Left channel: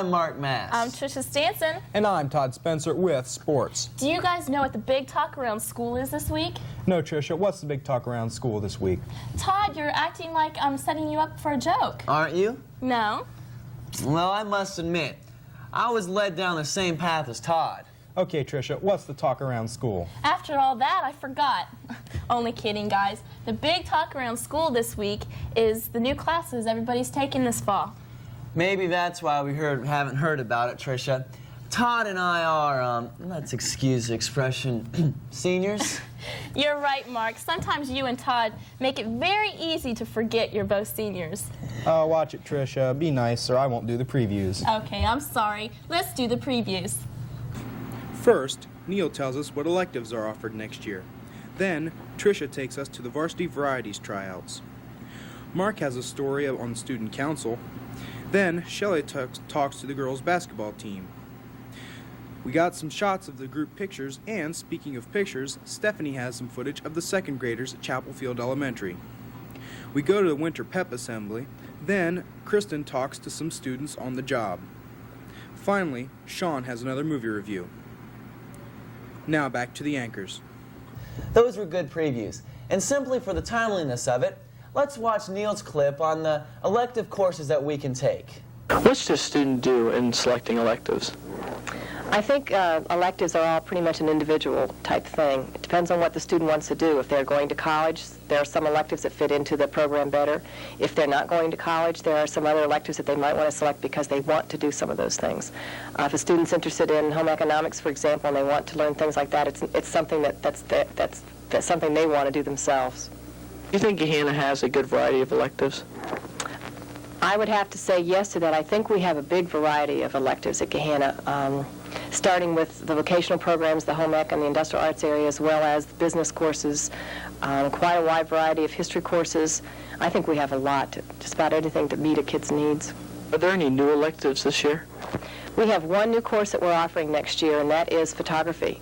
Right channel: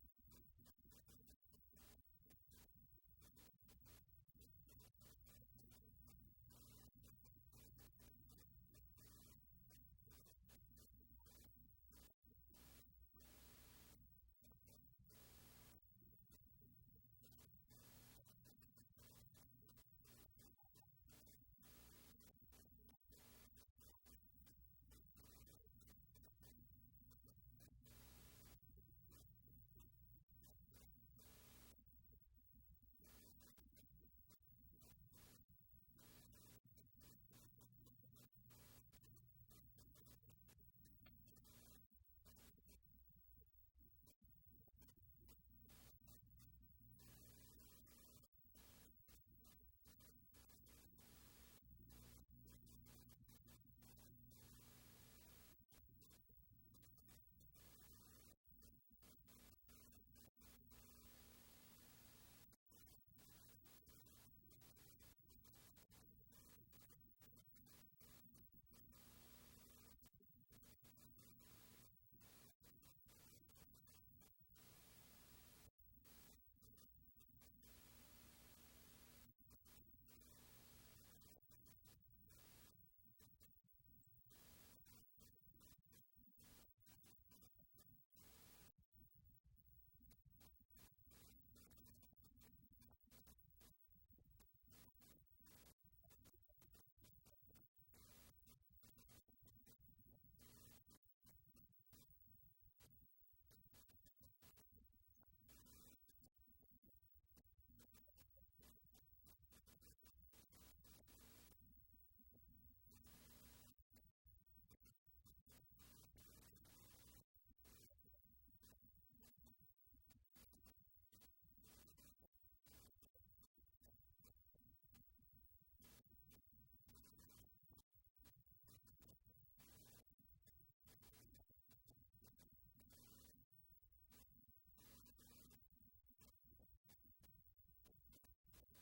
I'm Mark Mast. I'm Trisha Stansen. And I'm Todd Spencer with Sports. Do you guys know what the big talk around school is this week? No, Trisha, what's the big talk around school this week? Todd, you're acting like I'm setting you up for a joke. Aren't you? No. Well, I must admit, I was led down the same path as Todd. Okay, Trisha, what's the talk around school? After all that, I forgot. Only kidding, guys. The big talk around school this week is the new classes everybody's taking this fall. Maybe that's why we haven't heard about it, Trisha. Todd and I are, let's excuse the expression, seniors. You're right, Mark. Sometimes you and Todd make it very easy to forget you're both seniors. Watch it, Trisha. Be nice, or I won't do the previews. Okay, I'm sorry. Let's do the previews. First, Neil tells us what electives are offered next year. Then, Trisha takes us to the Varsity Varieties Tryouts. Mark has a story on the student council. Then, Shelly talks to the girls' basketball team. We got some shots of the group pictures, and speaking of pictures, Stephanie has some footage of the second graders at Chapelfield Elementary. We go to the winter Pep Assembly. Then, Kristen talks to some students on the job. Finally, Sean has another movie review. Now back to the anchors. Those were good previews. And simply for the timeliness of it, let's watch Neil's clip on the elective courses that we can take. What should a student do in selecting electives? I think electives are all pretty much an individual type thing. It depends on what the student wants to do. If they're going to college, there are some electives that fit into the program better. If they're not going to college, there are some other electives that they might want to select because they want to do some of those things. If a student's interested in home economics, for example, and they want to learn things like that, it's something that's something they want to do themselves. Do you think Gahanna has a good variety of electives? I would have to say yes to that. I think we have a big variety of electives at Gahanna, starting with the vocational programs, the home ec and the industrial arts area, as well as the business courses, quite a wide variety of history courses. I think we have a lot, just about anything to meet a kid's needs. Are there any new electives this year? We have one new course that we're offering next year, and that is photography,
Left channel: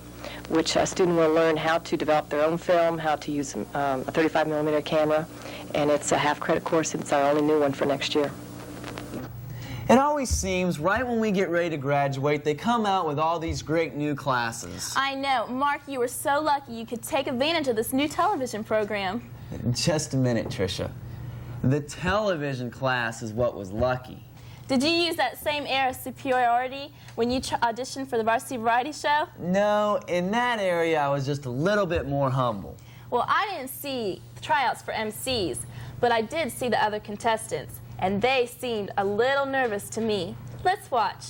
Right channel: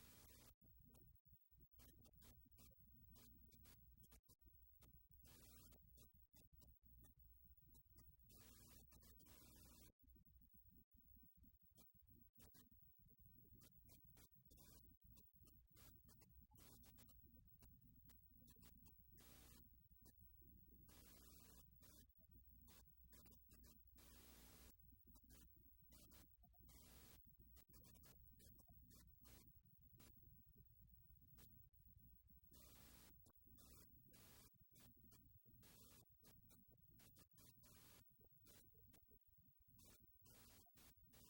which a student will learn how to develop their own film, how to use a 35mm camera, and it's a half-credit course, and it's our only new one for next year. It always seems right when we get ready to graduate, they come out with all these great new classes. I know. Mark, you were so lucky you could take advantage of this new television program. Just a minute, Trisha. The television class is what was lucky. Did you use that same air of superiority when you auditioned for the Varsity Variety Show? No, in that area I was just a little bit more humble. Well, I didn't see the tryouts for MCs, but I did see the other contestants, and they seemed a little nervous to me. Let's watch.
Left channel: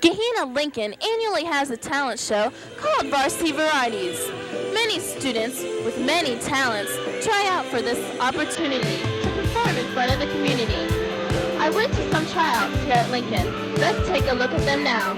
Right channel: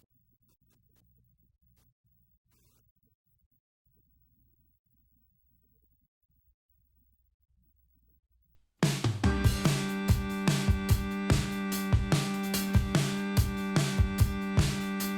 Gahanna Lincoln annually has a talent show called Varsity Varieties. Many students with many talents try out for this opportunity to perform in front of the community. I went to some tryouts here at Lincoln. Let's take a look at them now.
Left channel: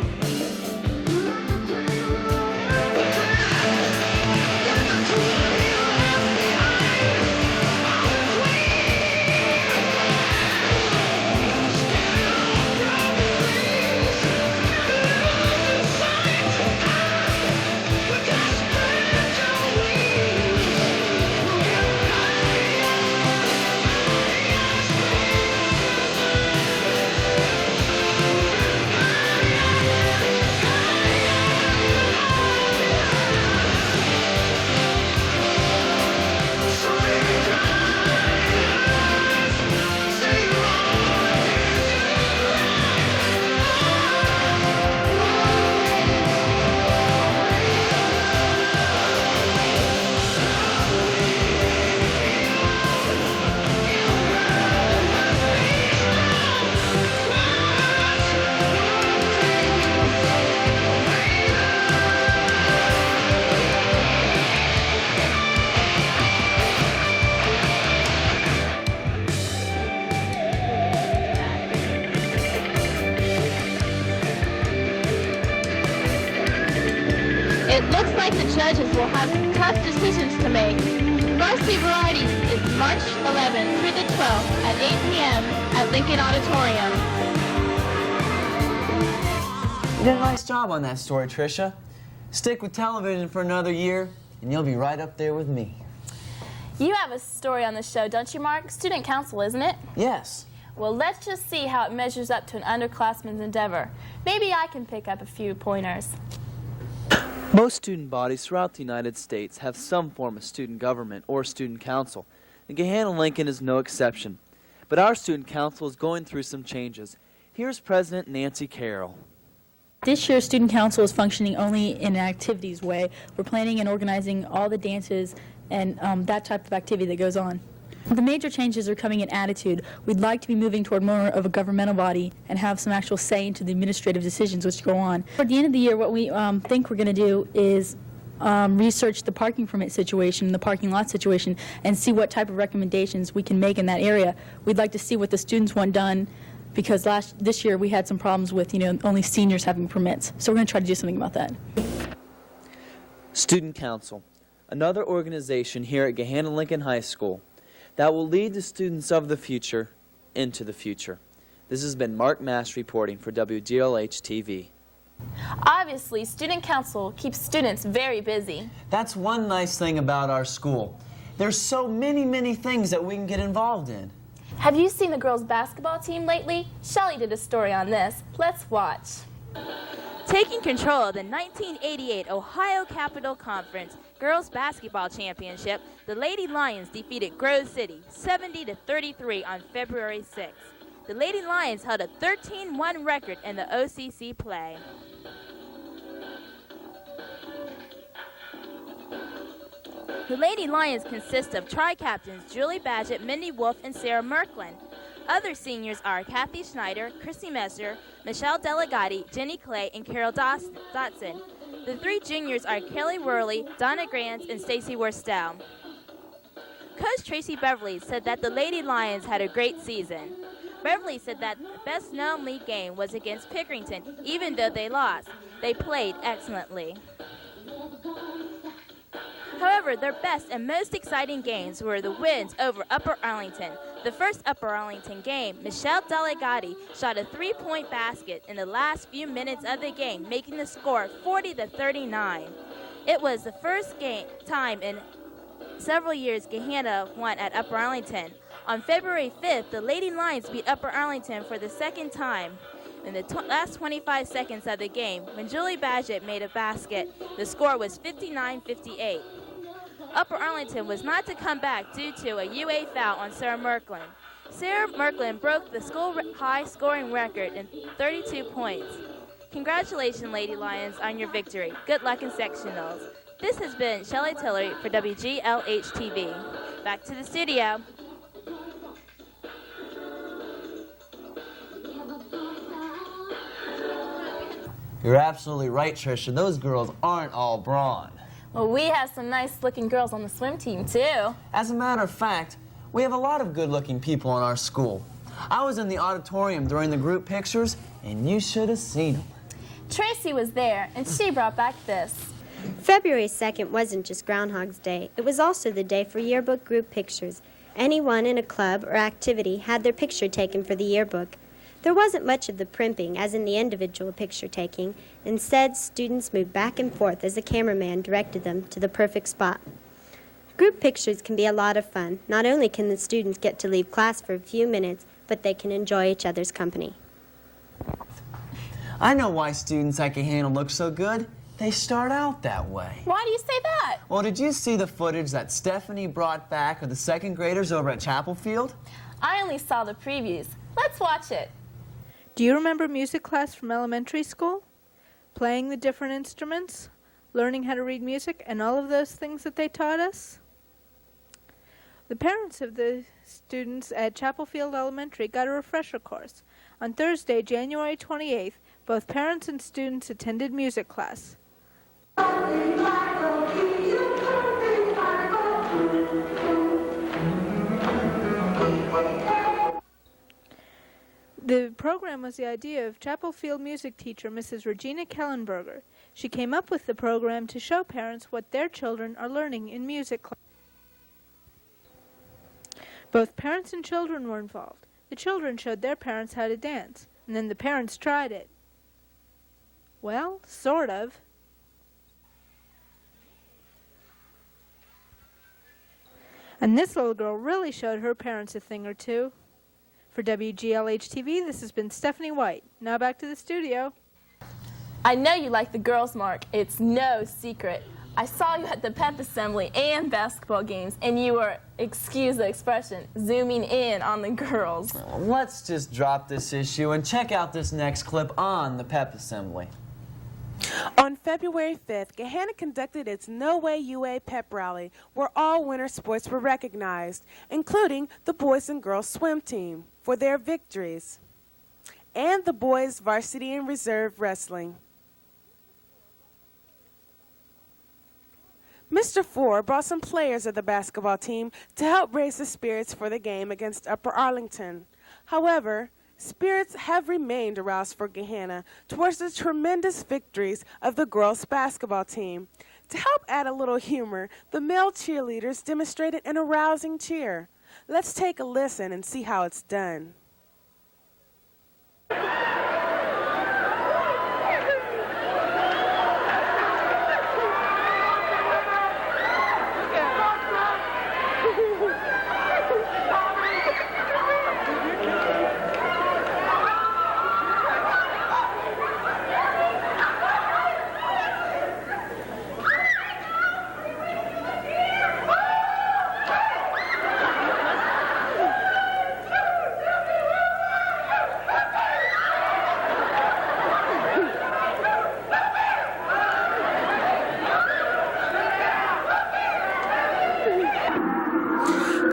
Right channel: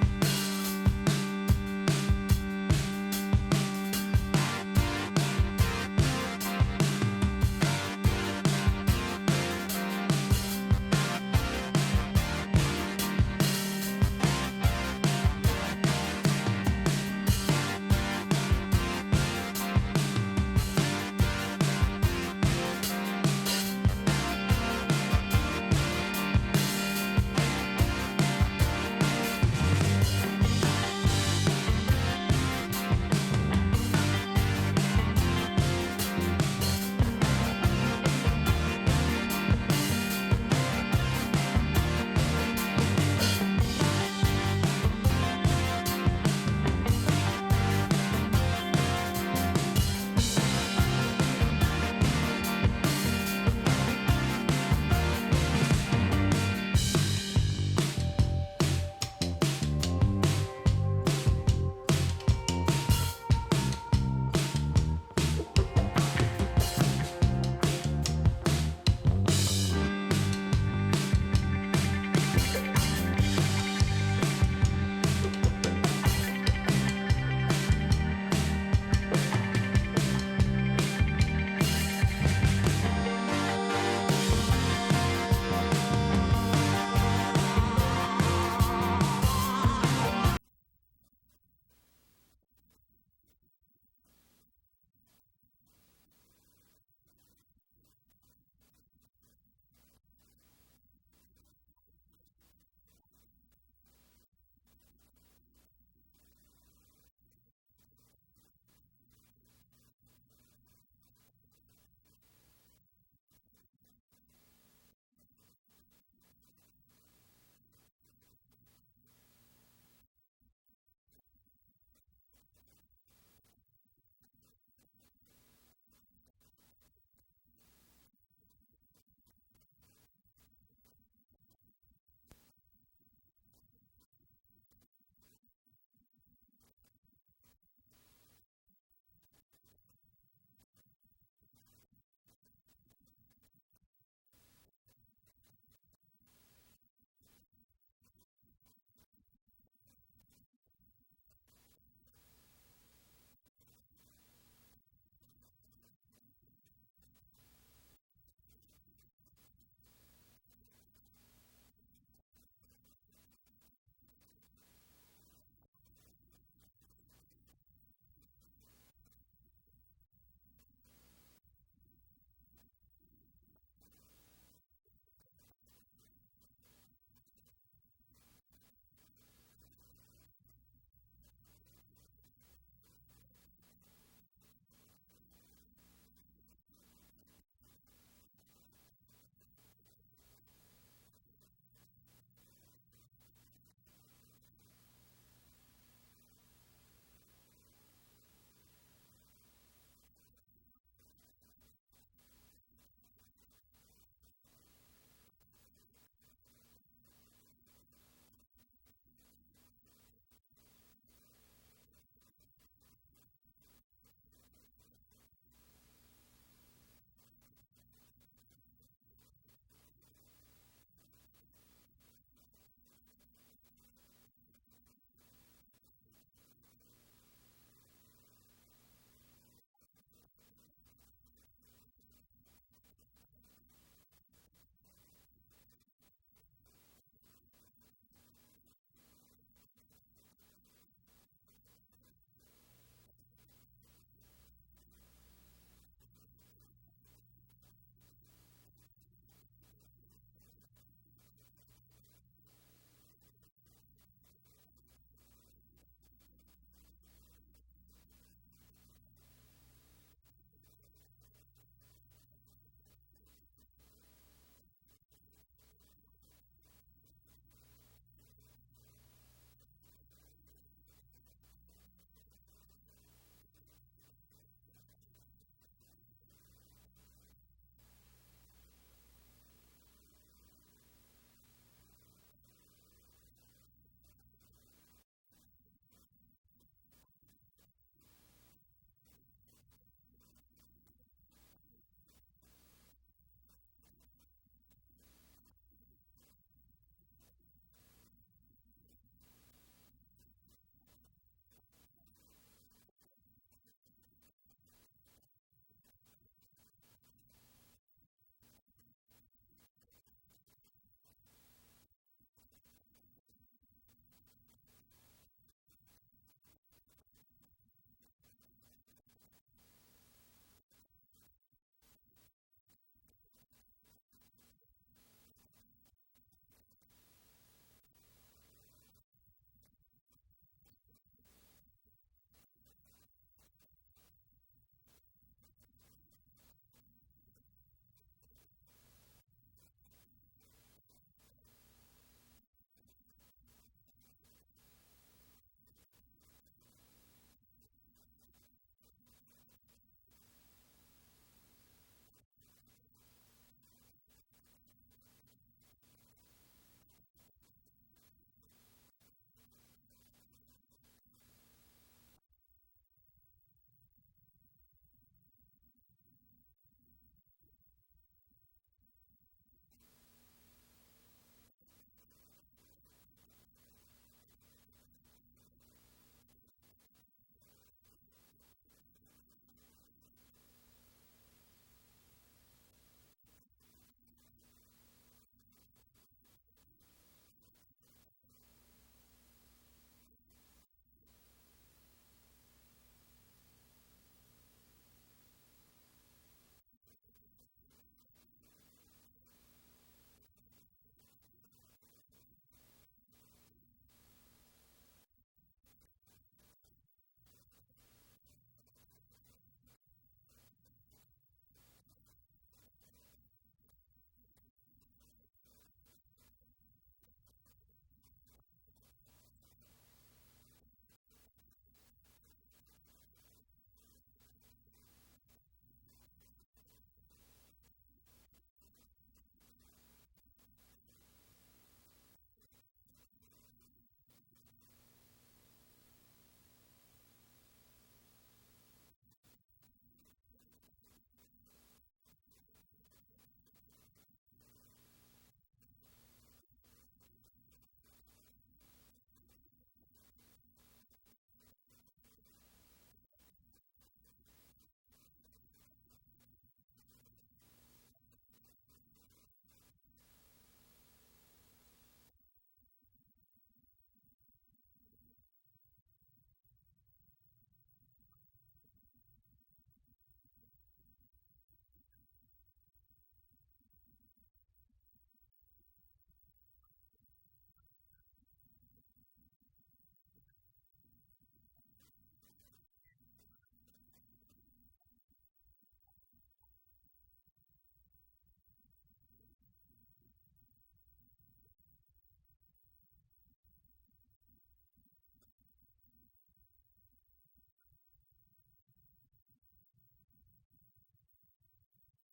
You did a nice job on that story, Trisha. Stick with television for another year, and you'll be right up there with me. You have a story on the show, don't you, Mark? Student council, isn't it? Yes. Well, let's just see how it measures up to an underclassman's endeavor. Maybe I can pick up a few pointers. Most student bodies throughout the United States have some form of student government or student council, and Gahanna-Lincoln is no exception. But our student council is going through some changes. Here's President Nancy Carroll. This year, student council is functioning only in an activities way. We're planning and organizing all the dances and that type of activity that goes on. The major changes are coming in attitude. We'd like to be moving toward more of a governmental body and have some actual say into the administrative decisions which go on. At the end of the year, what we think we're going to do is research the parking permit situation, the parking lot situation, and see what type of recommendations we can make in that area. We'd like to see what the students want done, because this year we had some problems with, only seniors having permits. So we're going to try to do something about that. Student Council, another organization here at Gahanna-Lincoln High School that will lead the students of the future into the future. This has been Mark Mast reporting for WGLH-TV. Obviously, student council keeps students very busy. That's one nice thing about our school. There's so many things that we can get involved in. Have you seen the girls' basketball team lately? Shelly did a story on this. Let's watch. Taking control of the 1988 Ohio Capital Conference Girls Basketball Championship, the Lady Lions defeated Grove City 70-33 on February 6th. The Lady Lions held a 13-1 record in the OCC play. The Lady Lions consist of tri-captains Julie Badgett, Mindy Wolf, and Sarah Merklin. Other seniors are Kathy Schneider, Chrissy Messer, Michelle Delegati, Jenny Clay, and Carol Dotson. The three juniors are Kelly Worley, Donna Grant, and Stacy Worstel. Coach Tracy Beverly said that the Lady Lions had a great season. Beverly said that the best-known league game was against Pickerington. Even though they lost, they played excellently. However, their best and most exciting games were the wins over Upper Arlington. The first Upper Arlington game, Michelle Delegati shot a three-point basket in the last few minutes of the game, making the score 40-39. It was the first time in several years Gahanna won at Upper Arlington. On February 5th, the Lady Lions beat Upper Arlington for the second time. In the last 25 seconds of the game, when Julie Badgett made a basket, the score was 59-58. Upper Arlington was not to come back due to a UA foul on Sarah Merklin. Sarah Merklin broke the school-high scoring record in 32 points. Congratulations, Lady Lions, on your victory. Good luck in sectionals. This has been Shelly Tillery for WGLH-TV. Back to the studio. You're absolutely right, Trisha. Those girls aren't all brawn. Well, we have some nice-looking girls on the swim team, too. As a matter of fact, we have a lot of good-looking people in our school. I was in the auditorium during the group pictures, and you should have seen them. Tracy was there, and she brought back this. February 2nd wasn't just Groundhog's Day. It was also the day for Yearbook Group Pictures. Anyone in a club or activity had their picture taken for the yearbook. There wasn't much of the primping, as in the individual picture taking. Instead, students moved back and forth as the cameraman directed them to the perfect spot. Group pictures can be a lot of fun. Not only can the students get to leave class for a few minutes, but they can enjoy each other's company. I know why students at Gahanna look so good. They start out that way. Why do you say that? Well, did you see the footage that Stephanie brought back of the second graders over at Chapelfield? I only saw the previews. Let's watch it. Do you remember music class from elementary school? Playing the different instruments, learning how to read music, and all of those things that they taught us? The parents of the students at Chapelfield Elementary got a refresher course. On Thursday, January 28th, both parents and students attended music class. The program was the idea of Chapelfield music teacher Mrs. Regina Kellenburger. She came up with the program to show parents what their children are learning in music class. Both parents and children were involved. The children showed their parents how to dance, and then the parents tried it. Well, sort of. And this little girl really showed her parents a thing or two. For WGLH-TV, this has been Stephanie Witt. Now back to the studio. I know you like the girls, Mark. It's no secret. I saw you at the Pep Assembly and basketball games, and you were, excuse the expression, zooming in on the girls. Let's just drop this issue and check out this next clip on the Pep Assembly. On February 5th, Gahanna conducted its No Way UA pep rally, where all winter sports were recognized, including the boys and girls swim team for their victories, and the boys varsity and reserve wrestling. Mr. Ford brought some players of the basketball team to help raise the spirits for the game against Upper Arlington. However, spirits have remained aroused for Gahanna towards the tremendous victories of the girls' basketball team. To help add a little humor, the male cheerleaders demonstrated an arousing cheer. Let's take a listen and see how it's done.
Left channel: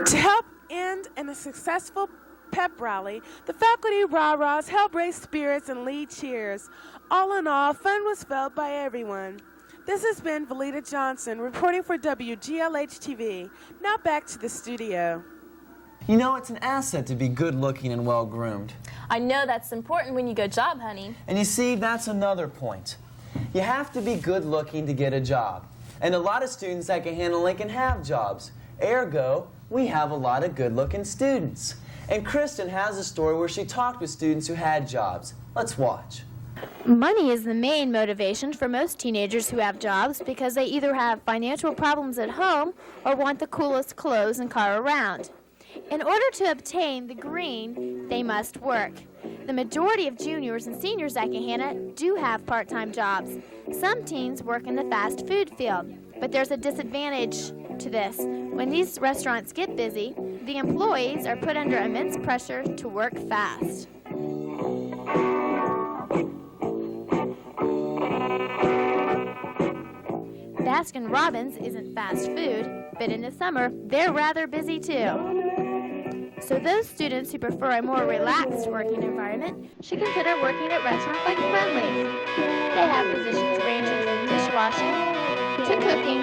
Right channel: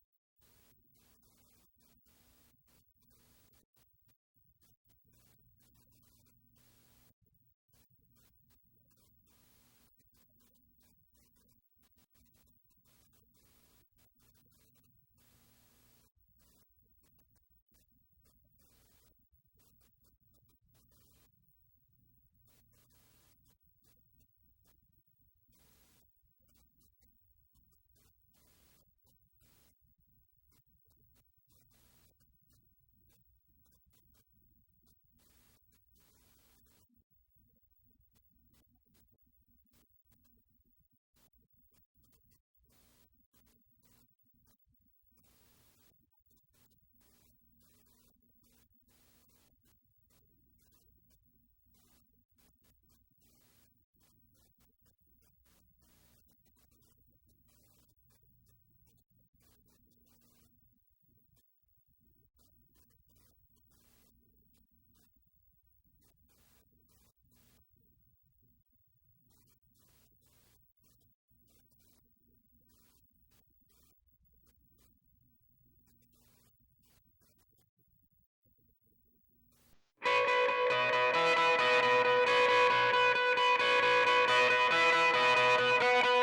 To help end in a successful pep rally, the faculty rah-rahs helped raise spirits and lead cheers. All in all, fun was felt by everyone. This has been Valita Johnson reporting for WGLH-TV. Now back to the studio. You know, it's an asset to be good-looking and well-groomed. I know that's important when you go job hunting. And you see, that's another point. You have to be good-looking to get a job. And a lot of students at Gahanna Lincoln have jobs. Ergo, we have a lot of good-looking students. And Kristen has a story where she talked with students who had jobs. Let's watch. Money is the main motivation for most teenagers who have jobs because they either have financial problems at home or want the coolest clothes and car around. In order to obtain the green, they must work. The majority of juniors and seniors at Gahanna do have part-time jobs. Some teens work in the fast food field, but there's a disadvantage to this. When these restaurants get busy, the employees are put under immense pressure to work fast. Baskin-Robbins isn't fast food, but in the summer, they're rather busy too. So those students who prefer a more relaxed working environment should consider working at restaurants like Friendlies. They have positions ranging from dishwashing to cooking.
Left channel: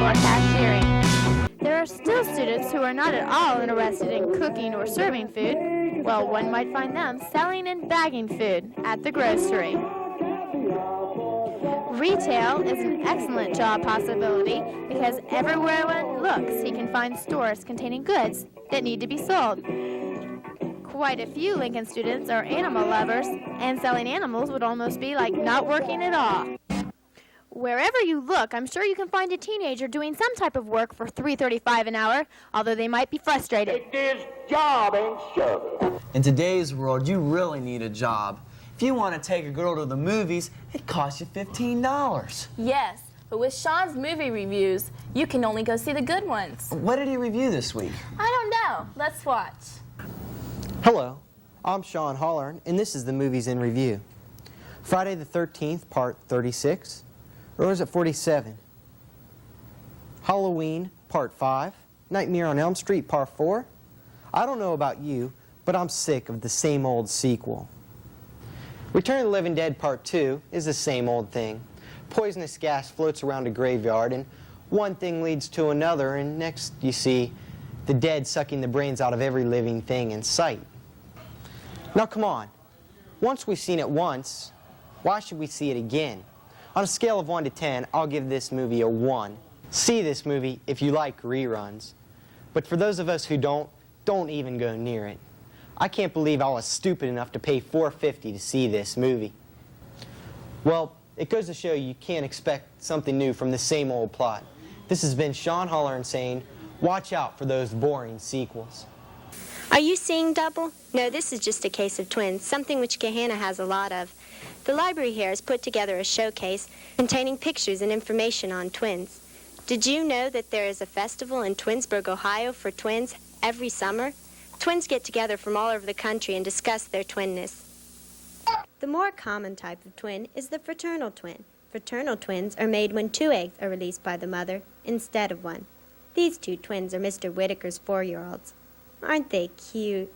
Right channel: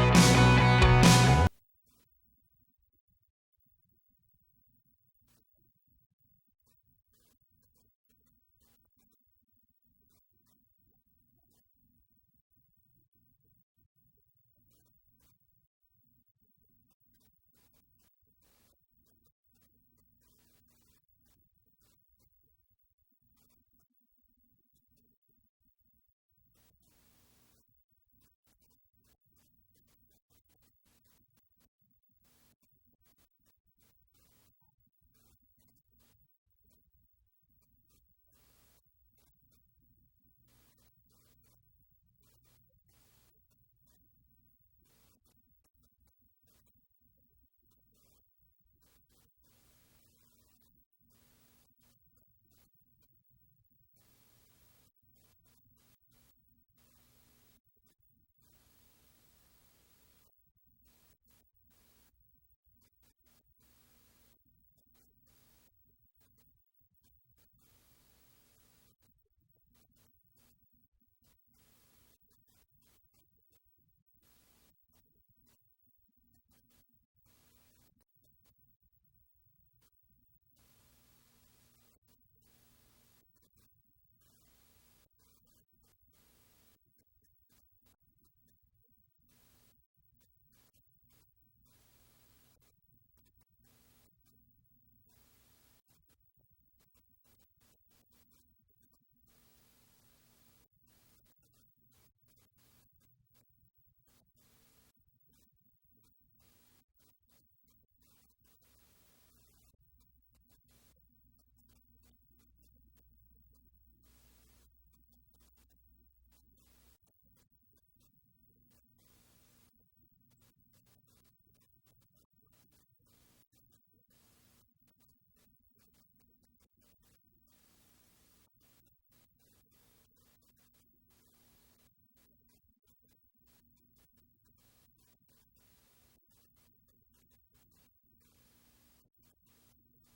Or cashiering. There are still students who are not at all interested in cooking or serving food. Well, one might find them selling and bagging food at the grocery. Retail is an excellent job possibility because everywhere one looks, he can find stores containing goods that need to be sold. Quite a few Lincoln students are animal lovers, and selling animals would almost be like not working at all. Wherever you look, I'm sure you can find a teenager doing some type of work for $3.35 an hour, although they might be frustrated. It is job and service. In today's world, you really need a job. If you want to take a girl to the movies, it costs you $15. Yes, but with Sean's movie reviews, you can only go see the good ones. What did he review this week? I don't know. Let's watch. Hello, I'm Sean Hollern, and this is the Movies in Review. Friday the 13th, Part 36, or is it 47? Halloween, Part 5, Nightmare on Elm Street, Part 4. I don't know about you, but I'm sick of the same old sequel. Return of the Living Dead Part 2 is the same old thing. Poisonous gas floats around a graveyard, and one thing leads to another, and next you see the dead sucking the brains out of every living thing in sight. Now come on. Once we've seen it once, why should we see it again? On a scale of 1 to 10, I'll give this movie a 1. See this movie if you like reruns. But for those of us who don't even go near it. I can't believe I was stupid enough to pay $4.50 to see this movie. Well, it goes to show you can't expect something new from the same old plot. This has been Sean Holler saying, watch out for those boring sequels. Are you seeing double? No, this is just a case of twins, something which Gahanna has a lot of. The library here has put together a showcase containing pictures and information on twins. Did you know that there is a festival in Twinsburg, Ohio for twins every summer? Twins get together from all over the country and discuss their twinness. The more common type of twin is the fraternal twin. Fraternal twins are made when 2 eggs are released by the mother instead of 1. These 2 twins are Mr. Whitaker's 4-year-olds. Aren't they cute?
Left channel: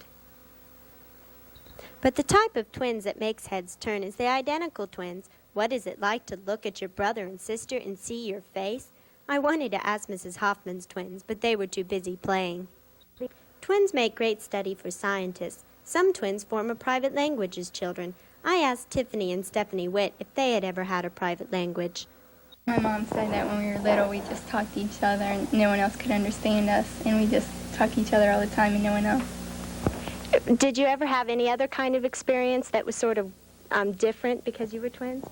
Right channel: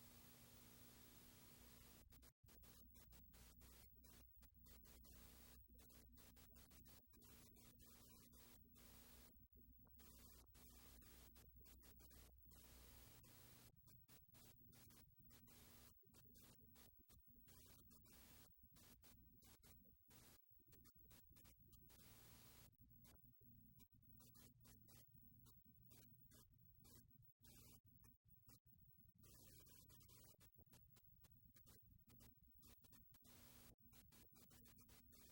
But the type of twins that makes heads turn is the identical twins. What is it like to look at your brother and sister and see your face? I wanted to ask Mrs. Hoffman's twins, but they were too busy playing. Twins make great study for scientists. Some twins form a private language as children. I asked Tiffany and Stephanie Witt if they had ever had a private language. My mom said that when we were little, we just talked to each other and no one else could understand us, and we just talked to each other all the time and no one else. Did you ever have any other kind of experience that was sort of different because you were twins?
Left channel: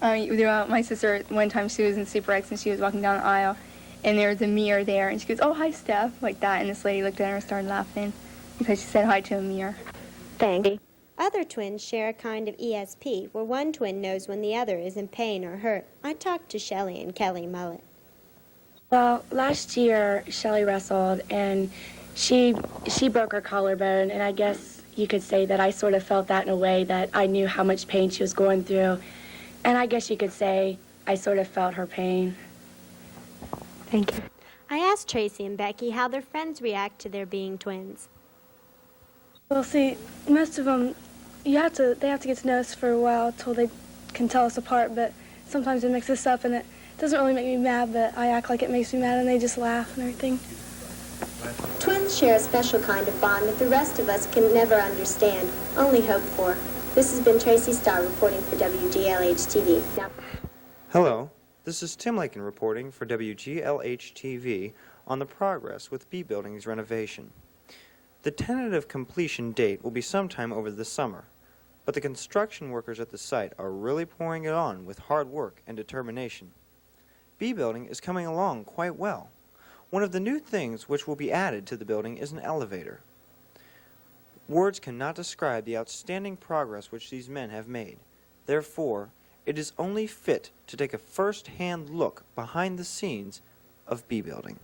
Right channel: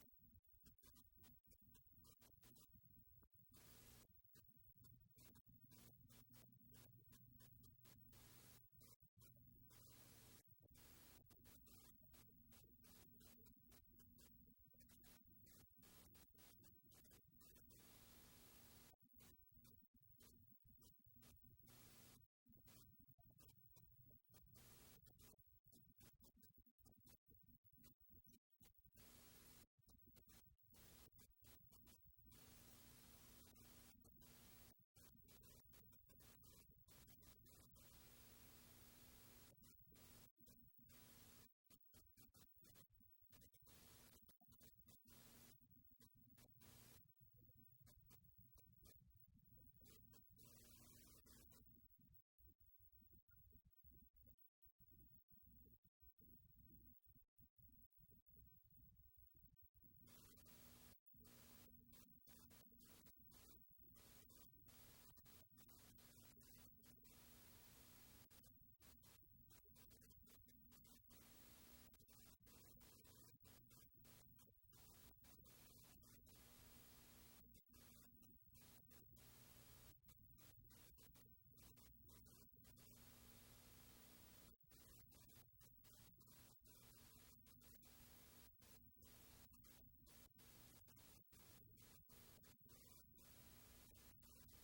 My sister, one time she was in Super X and she was walking down the aisle, and there was a mirror there, and she goes, "Oh, hi, Steph," like that, and this lady looked at her and started laughing because she said hi to a mirror. Thank you. Other twins share a kind of ESP, where one twin knows when the other is in pain or hurt. I talked to Shelly and Kelly Mullet. Well, last year, Shelly wrestled, and she broke her collarbone, and I guess you could say that I sort of felt that in a way that I knew how much pain she was going through, and I guess you could say I sort of felt her pain. Thank you. I asked Tracy and Becky how their friends react to their being twins. Well, see, most of them, they have to get to know us for a while till they can tell us apart, but sometimes it mixes us up, and it doesn't really make me mad, but I act like it makes me mad, and they just laugh and everything. Twins share a special kind of bond that the rest of us can never understand, only hope for. This has been Tracy Star reporting for WGLH-TV. Now, hello, this is Tim Lakin reporting for WGLH-TV on the progress with B Building's renovation. The tentative completion date will be sometime over the summer, but the construction workers at the site are really pouring it on with hard work and determination. B Building is coming along quite well. One of the new things which will be added to the building is an elevator. Words cannot describe the outstanding progress which these men have made. Therefore, it is only fit to take a first-hand look behind the scenes of B Building.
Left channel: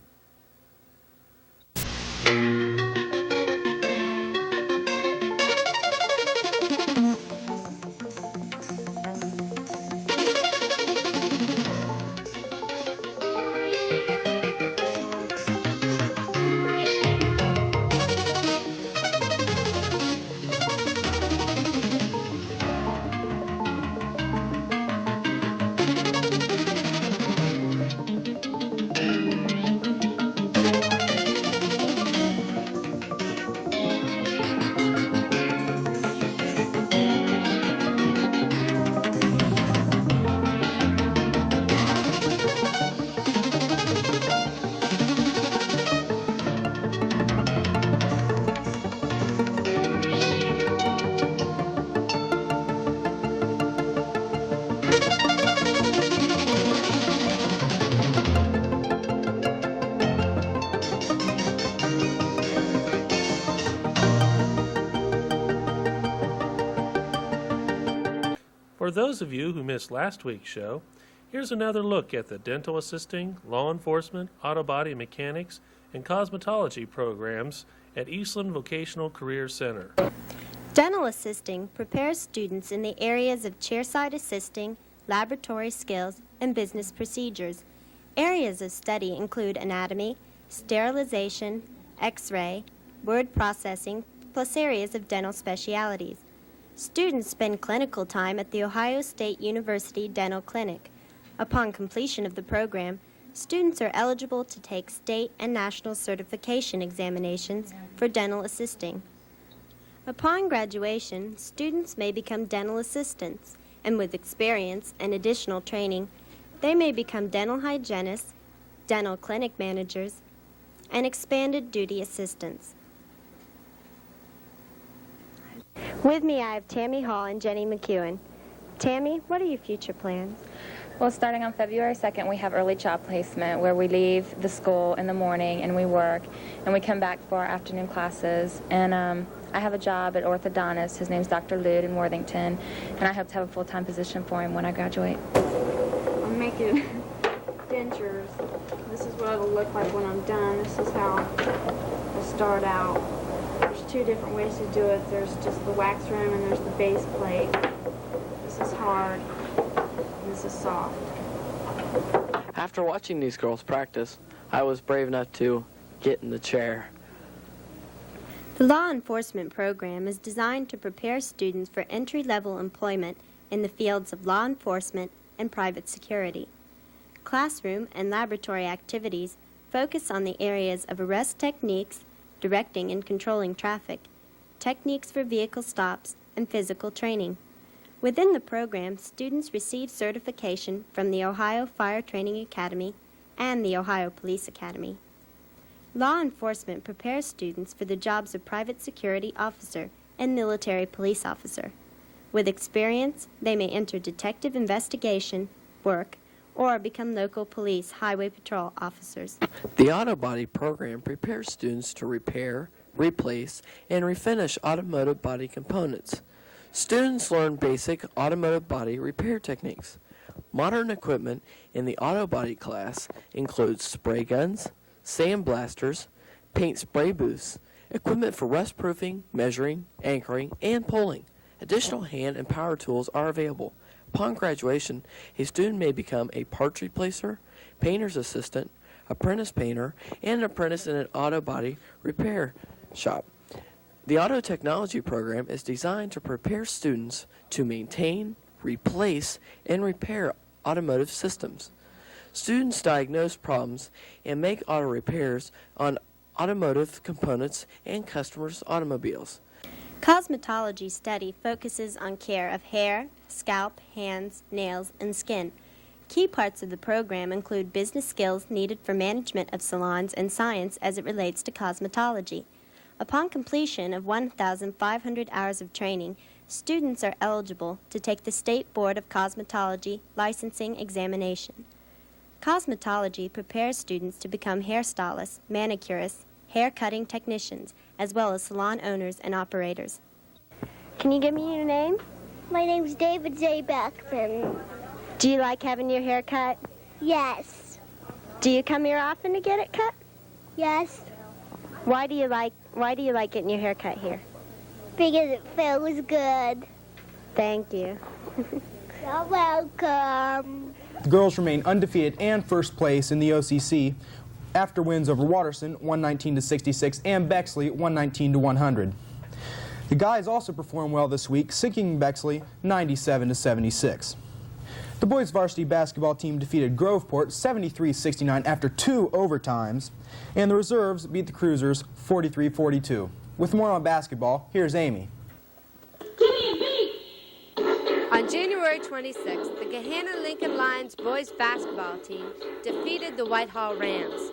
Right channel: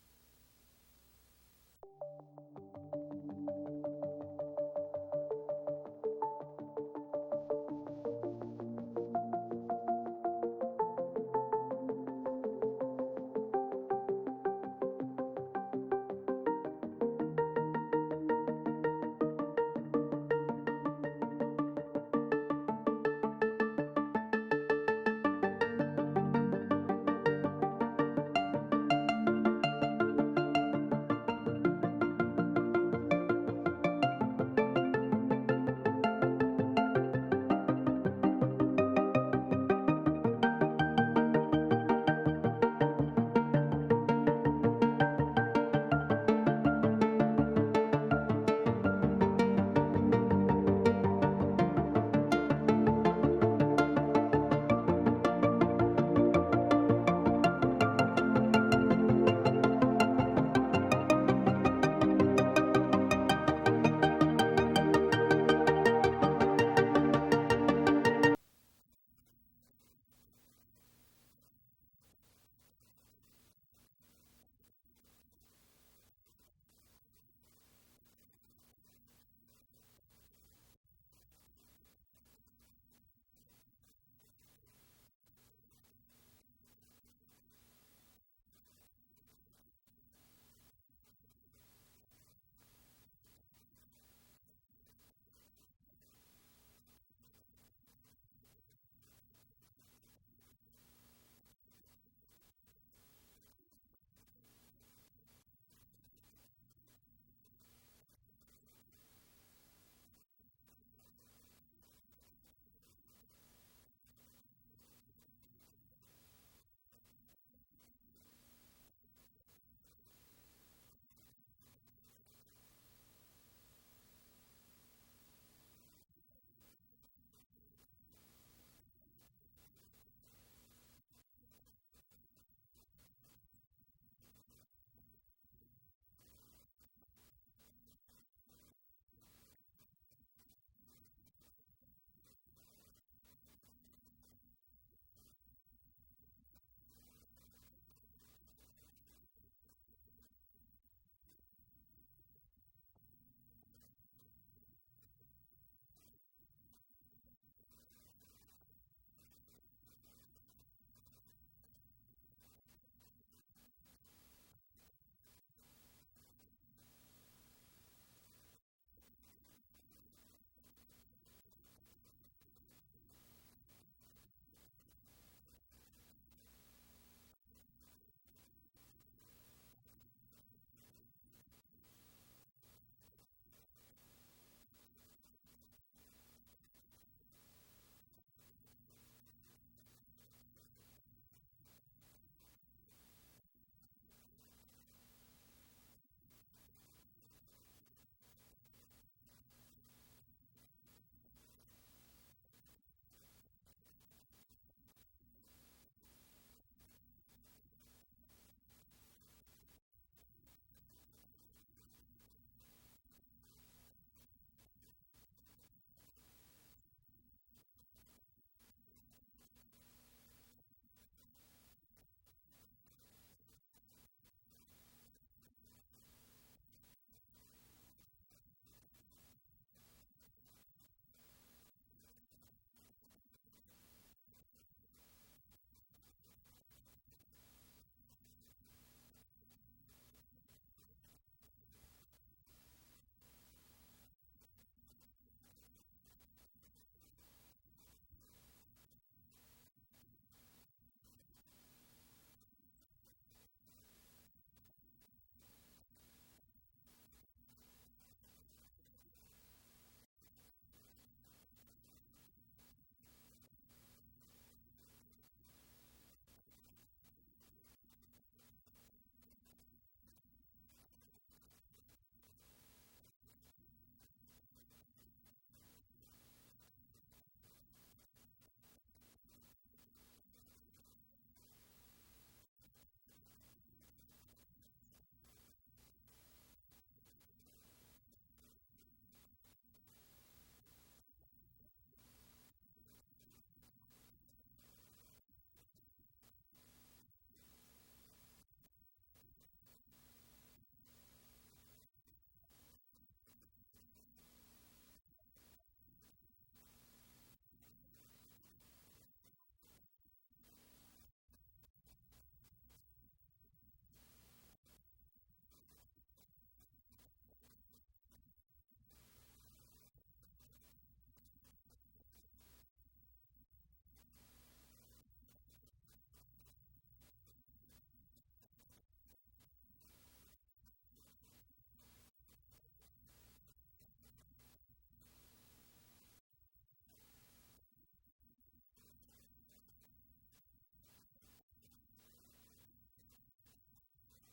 For those of you who missed last week's show, here's another look at the dental assisting, law enforcement, auto body mechanics, and cosmetology programs at Eastland Vocational Career Center. dental assisting prepares students in the areas of chairside assisting, laboratory skills, and business procedures. Areas of study include anatomy, sterilization, x-ray, word processing, plus areas of dental specialities. Students spend clinical time at the Ohio State University Dental Clinic. Upon completion of the program, students are eligible to take state and national certification examinations for dental assisting. Upon graduation, students may become dental assistants, and with experience and additional training, they may become dental hygienists, dental clinic managers, and expanded duty assistants. With me, I have Tammy Hall and Jenny McEwen. Tammy, what are your future plans? Well, starting on February 2nd, we have early job placement where we leave the school in the morning and we work, and we come back for our afternoon classes. And I have a job at orthodontist. His name's Dr. Lude in Worthington, and I hope to have a full-time position for him when I graduate. I'm making dentures. This is what it'll look like when I'm done. This is how I start out. There's two different ways to do it. There's just the wax room and there's the base plate. This is hard. This is soft. After watching these girls practice, I was brave enough to get in the chair. The law enforcement program is designed to prepare students for entry-level employment in the fields of law enforcement and private security. Classroom and laboratory activities focus on the areas of arrest techniques, directing and controlling traffic, techniques for vehicle stops, and physical training. Within the program, students receive certification from the Ohio Fire Training Academy and the Ohio Police Academy. Law enforcement prepares students for the jobs of private security officer and military police officer. With experience, they may enter detective investigation, work, or become local police highway patrol officers. The auto body program prepares students to repair, replace, and refinish automotive body components. Students learn basic automotive body repair techniques. Modern equipment in the auto body class includes spray guns, sandblasters, paint spray booths, equipment for rust proofing, measuring, anchoring, and pulling. Additional hand and power tools are available. Upon graduation, a student may become a parts replacer, painter's assistant, apprentice painter, and an apprentice in an auto body repair shop. The auto technology program is designed to prepare students to maintain, replace, and repair automotive systems. Students diagnose problems and make auto repairs on automotive components and customers' automobiles. Cosmetology study focuses on care of hair, scalp, hands, nails, and skin. Key parts of the program include business skills needed for management of salons and science as it relates to cosmetology. Upon completion of 1,500 hours of training, students are eligible to take the State Board of Cosmetology licensing examination. Cosmetology prepares students to become hairstylists, manicurists, hair-cutting technicians, as well as salon owners and operators. Can you give me your name? My name's David J. Beckman. Do you like having your hair cut? Yes. Do you come here often to get it cut? Yes. Why do you like getting your hair cut here? Because it feels good. Thank you. You're welcome. The girls remain undefeated and first place in the OCC after wins over Watterson 119-66 and Bexley 119-100. The guys also performed well this week, sinking Bexley 97-76. The boys varsity basketball team defeated Groveport 73-69 after 2 overtimes, and the reserves beat the Cruisers 43-42. With more on basketball, here's Amy. On January 26th, the Gahanna Lincoln Lions boys basketball team defeated the Whitehall Rams.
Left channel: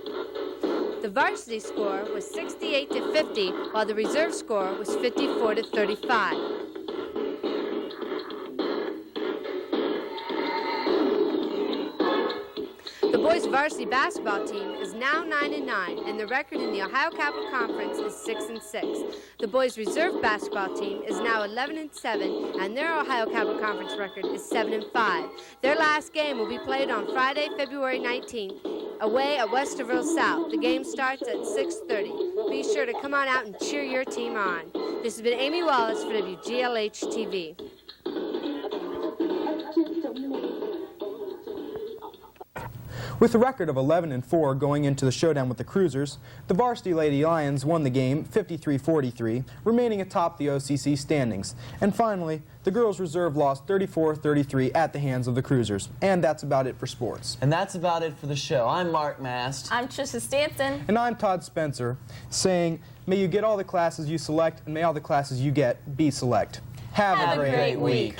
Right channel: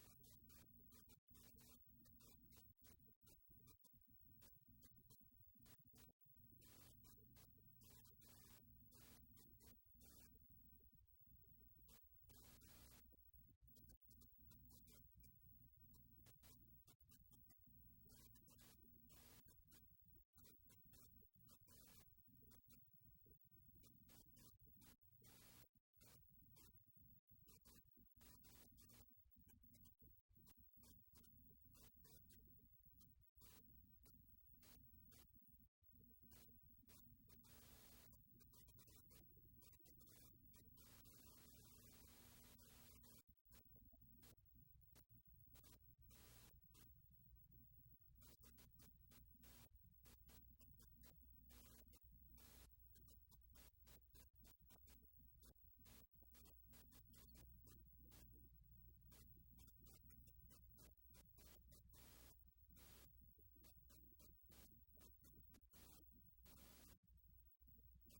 The varsity score was 68-50, while the reserve score was 54-35. The boys varsity basketball team is now 9-9, and the record in the Ohio Capital Conference is 6-6. The boys reserve basketball team is now 11-7, and their Ohio Capital Conference record is 7-5. Their last game will be played on Friday, February 19th, away at Westerville South. The game starts at 6:30. Be sure to come on out and cheer your team on. This has been Amy Wallace for WGLH-TV. With a record of 11-4 going into the showdown with the Cruisers, the varsity Lady Lions won the game 53-43, remaining atop the OCC standings. And finally, the girls' reserve lost 34-33 at the hands of the Cruisers. And that's about it for sports. And that's about it for the show. I'm Mark Mast. I'm Trisha Stansen. And I'm Todd Spencer, saying, may you get all the classes you select, and may all the classes you get be select. Have a great week.